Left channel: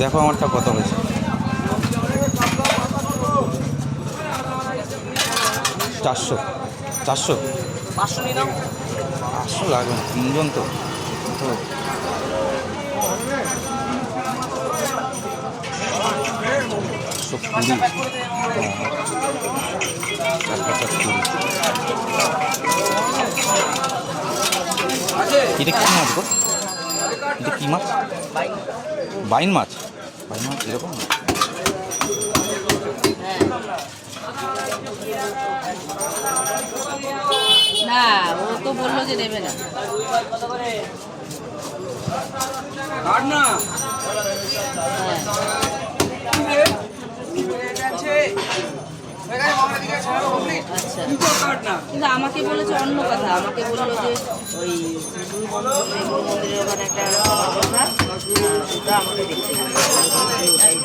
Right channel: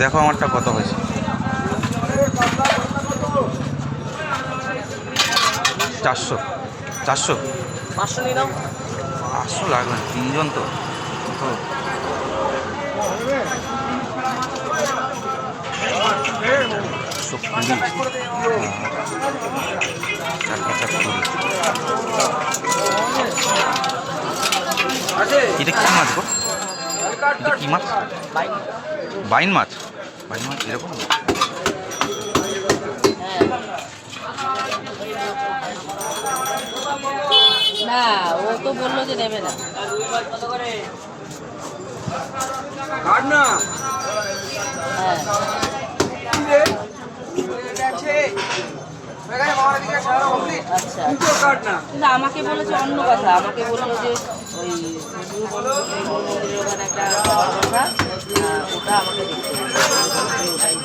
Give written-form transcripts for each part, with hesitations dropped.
দেখো আমারটা কত হয়েছে। 400 400 500 লাগবে না, তিনজন তো তো 120, 4 এটা কী মাছ গো? এটা কী মাছ? বাইন মাছ। বাইন মাছ এরকম না, ও তো বললো যে নেবে না। আচ্ছা, কিন্তু আমাকে বলেছে অন্য কথা, আমাকে বললো যে ওই মন্দিরের ওখানে একটা কথা, ওটা আমাকে দেখতে হবে, ওটাই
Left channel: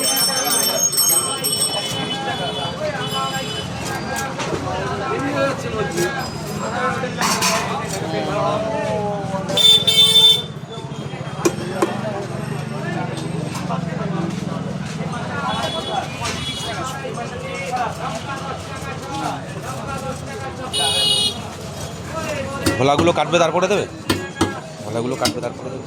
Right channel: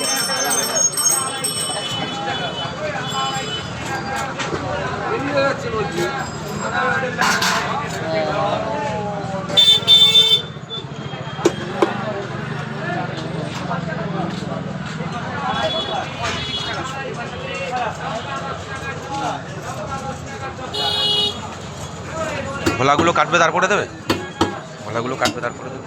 ভোলাগুলো কাটবে, তার করে দেবে। ভোলাগুলো কাটবে, তার করে দেবে।